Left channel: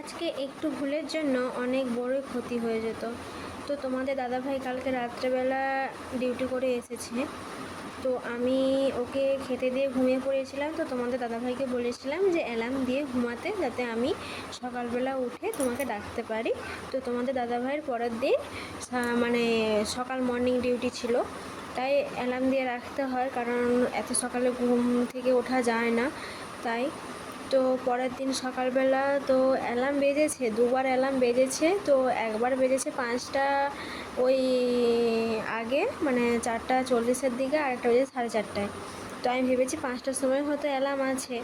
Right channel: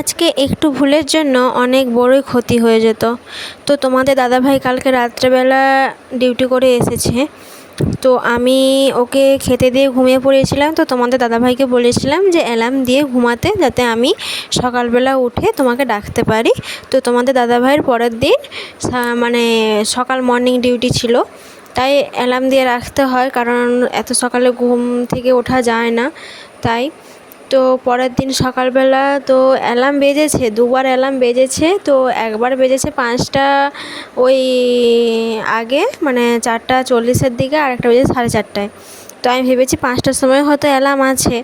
আজকে একটু ভুলের জন্য অনেক বড়ই ক্ষতি হয়ে যেত। তো তোমাদের দাদাভাই কালকে রাত্রেবেলা ডিউটি করে এসেছে, তো আমি ওকে খেতে দিয়ে ঘুমিয়ে পড়েছিলাম। তো তোমাদের দাদাভাইকে বলেছিলাম যে অ্যালার্ম দিয়ে ঘুমাতে, যাতে আমি সকালবেলা উঠে তোমাকে ডাকতে পারি। তো তোমাদের দাদাভাইয়ের পরের দিন মানে সকাল মর্নিং ডিউটি ছিল, তাই অ্যালার্ম দিয়ে রাখতে হয়, কারণ এত সকালে ঘুম থেকে ওঠা যায় না। তাই তো পরের দিন সকালবেলা তো অ্যালার্ম বেজেছে, দুবার অ্যালার্ম বেজেছে। তো একবার বেজেছে 5টা ওই আগে, মানে 4:40-এর দিকে, আর একটা বেজেছে 4:30টায়। তো আমি ভেবেছি 5টার সময় হয়তো অ্যালার্ম আছে,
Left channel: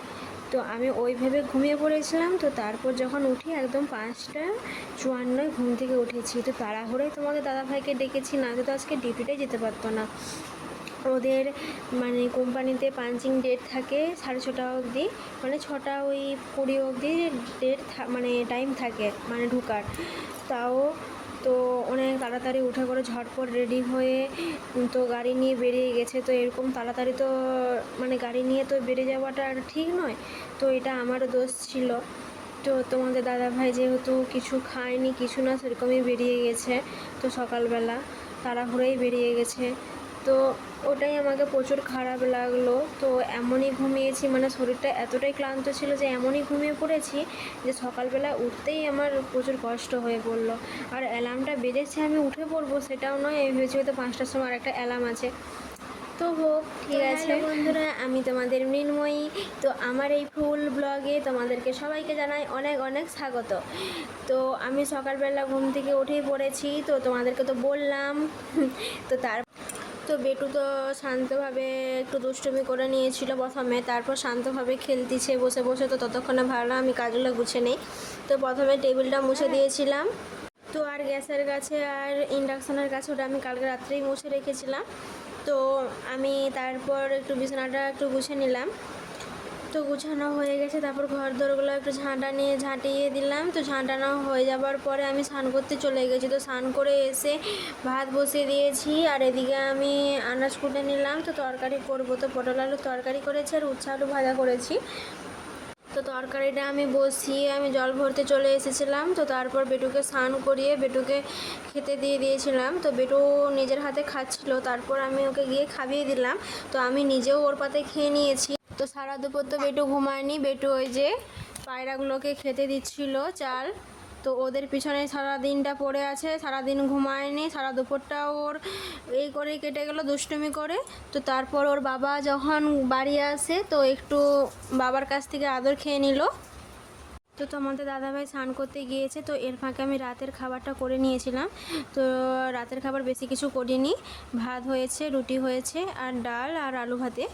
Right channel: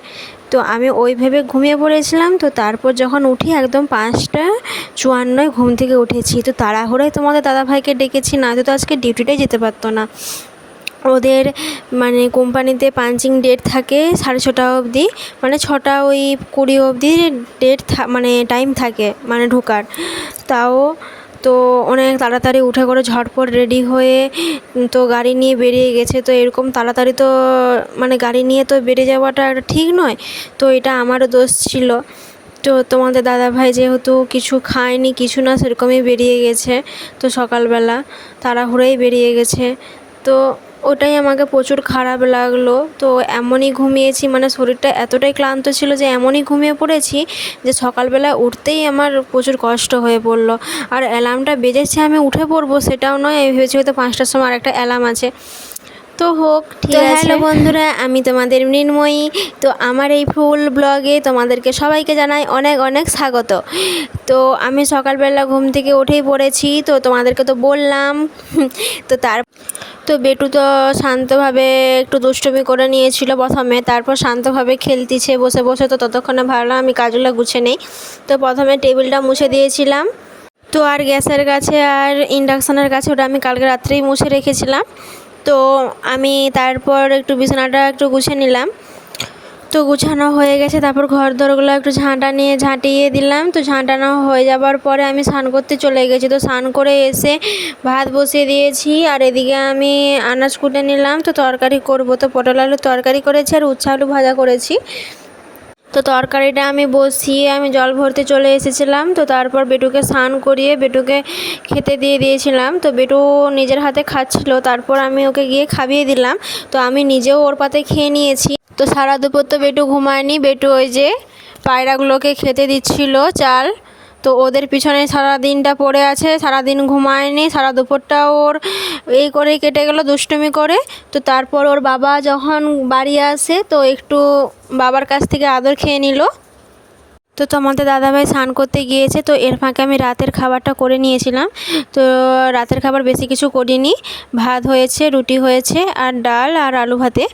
তো আমি ওই ভেবে ঘুমিয়ে পড়েছিলাম। তো তারপর যখন উঠি একদম 5:54 ঘুম থেকে উঠেছি। তো তাড়াহুড়োয় তোমাদের দাদাভাইকে ডেকেছি, না তো আজকে ডিউটিটাই যেতে পারতো না। ওদের মানে কোম্পানিতে পাঞ্চিং ডেট থাকে 6:30 অবধি, মানে 6:20 অবধি ডেট মানে টাইম থাকে মানে ঢোকার। তাও তো অনেক তাড়াতাড়ি উঠে করে ঝটপট রেডি হয়ে তো গাড়ি নিয়ে বেরিয়ে গেছে। তো এরকম তাড়াতাড়ি তো মানে গাড়ি নিয়ে তো বেরিয়ে যাওয়াটা ঠিক নয়, তো এটা আমারও দোষ ছিল। তো তোমাদের দাদাভাই যেহেতু কিছু খায়নি কিছু না, সেরকমই বেরিয়ে গেছে। তো সকালবেলা তাড়াহুড়োই বেরিয়ে গেছে। তো ওটাই আমাকে প্রচুর খারাপ লাগলো। তো এমনই ঘুমিয়েছি, মানে শরীরটা এতটাই ক্লান্ত ছিল যে এমনই ঘুমিয়ে পড়েছি যে সকালবেলা উঠতেই আমার প্রচুর কষ্ট হয়ে পড়লো। আর অ্যালার্মটা বেজেছে আমি উঠে পড়বো সেটাও নয়, আমি ভেবেছি হয়তো 5টার সময় আরেকটা অ্যালার্ম আছে। তো হোক, ঠিক আছে। হ্যালো বন্ধুরা, আমি তোমাদের মৃন্ময়ী। তো আমার এই ফুল ব্লগে তোমাদেরকে সবাইকে জানাই অনেক অনেক স্বাগত। তো আমি সকালবেলা ঘুম থেকে উঠেই পড়েছি, তো তোমাদেরকে তো বললাম। তো বেটু তো শান্তভাবে একটু দুষ্টুমি করে নিয়েছিল প্রথমে, তারপর শান্তভাবে খেলতিছে বসে বসে। তো ততক্ষণে ভাবলাম আমি কাজগুলো গুছিয়ে নেই। তো প্রথমে টেবিলটা মুছে দিয়েছিলাম। তো আর গ্যাসের কাছে আর ইন্ডাকশানের কাছে ওটা আমি কালকে রাত্রেই মুছে রেখেছিলাম। তো আমি তারপর একটু বিছানাটা একটু গুছিয়ে নিলাম। তো গুছানো হয়ে গেছে, তারপর ঘর দরগুলো একটু ঝাঁটিয়ে দিলাম। তো ঝাঁটানো হয়ে যাবার পরে আমি স্নান করতে চলে গেছি। তো স্নান করে এসে ভাত বসিয়ে দিয়েছি, আর এদিকে আমি আনাজ কুটে নিলাম। তো তরকারি করব, তো পটল আলুর তরকারি করেছি আর উচ্ছে আলু ভাজা করেছি। তো তরকারিটা আমি বসিয়ে আমি জল ভরতে চলে এসেছিলাম। তো তারপর বেটুকে স্নান করিয়ে বেটুকে খেতে দিয়ে দিয়েছিলাম। তো বেটু নিজের হাতে খাচ্ছিল, তারপর আমি ওকে গিয়ে খাইয়ে দিলাম। তো আমি নিজেও ওর পাতে খেয়ে নিয়েছি। তো সারা দুপুর তো বেটু ঘুমায়নি, বেটু ওই যে পায়রাগুলোকে খেতে দিচ্ছিল চাল। তো ওদের পিছনে সারা দিনটা পড়ে আছে, সারাদিন ঘুমায়নি, সারা দুপুরটা ওর এই করেই কেটে গেল দুষ্টুমি করে। তো তারপর ওর বাবা যখন বাড়ি আসে তো একটু বাবার কাছ থেকে আদর খেয়ে নিল। তো তোমাদের দাদাভাই স্নান করতে গিয়েছে, তো এর ফাঁকে আমি রাতের খাবারটা করে নিয়েছিলাম। তো রাতের খাবার বেশি কিছু করিনি, ভাত হয়েছে, রুটি হয়েছে, আর ডাল আর আলু ভাতে।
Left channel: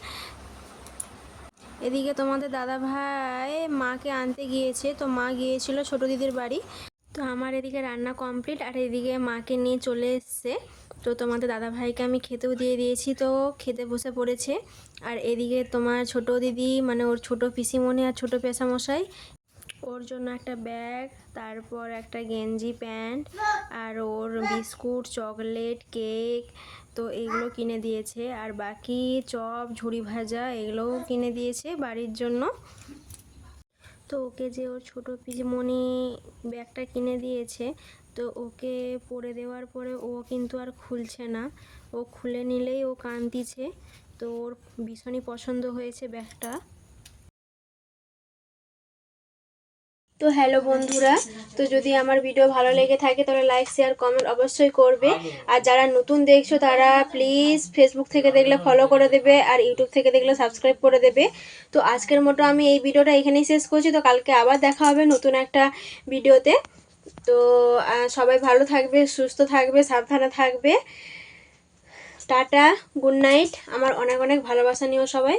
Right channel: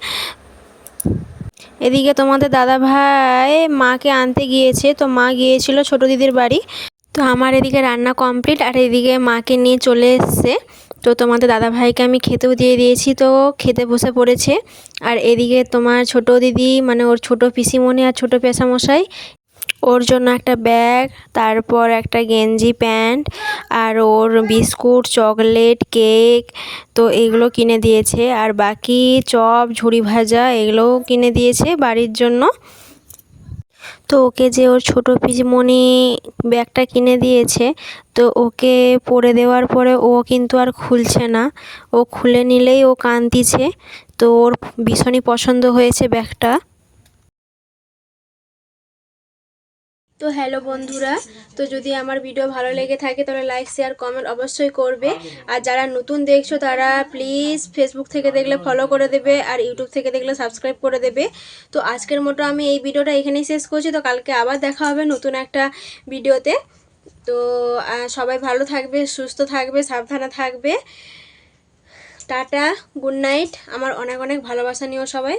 এদিকে তোমাদের দাদাভাই মাকে আনতে গিয়েছে, তো মা গিয়েছিল ছোটো দিদির বাড়ি। তো আমার এদিকে রান্না কমপ্লিট, আর এদিকে মাকে নিয়ে চলে এসছে। তো তোমাদের দাদাভাইকে আমি খেতেও দিয়ে দিয়েছি, তো খেতে বসে পড়েছে। আর এদিকে তোমার ছোট দিদি, মানে ওর ছোট পিসিমণি আর ছোট পেশামশাই, ওর জন্য একটা ব্যাগ, তারপর একটা গেঞ্জি প্যান্ট, আর ওর বিস্কুট চকলেট কেক, তো এগুলো কিনে দিয়েছে। আর বাকি চপ ঝুড়ি ভাজা এগুলোও কিনে দিয়েছে বাড়ির জন্য। তো ওকে যে ওর ছোটো পিসিমণি ব্যাগটা কিনে দিয়েছে, তো ওকে পরে দেওয়ার পরে ও কিন্তু আর খুলছে না, ও খুলে নিলেই ও কাঁদতিছে। তো ওর ভীষণই পছন্দ হয়েছে ব্যাগটা। তো হ্যালো বন্ধুরা, তো যদি আমার ভিডিও ভালো লেগে থাকে তাহলে লাইক শেয়ার কমেন্ট অবশ্যই করবে। আর যারা নতুন দেখছো তারা প্লিজ ফেসবুক থেকে দেখলে ফলো করে দেবে, আর ইউটিউব থেকে দেখলে সাবস্ক্রাইব করে দেবে। তো আজকের মতো আমি এই ভিডিওটা এখানেই শেষ করছি। তো কালকে আবার দেখা হবে নতুন একটা ভিডিওতে। তো সবাই ভালো থাকবে, সুস্থ থাকবে, সাবধানে থাকবে। Tata, good night. আমার অনেক অনেক ভালোবাসা নিও সবাই।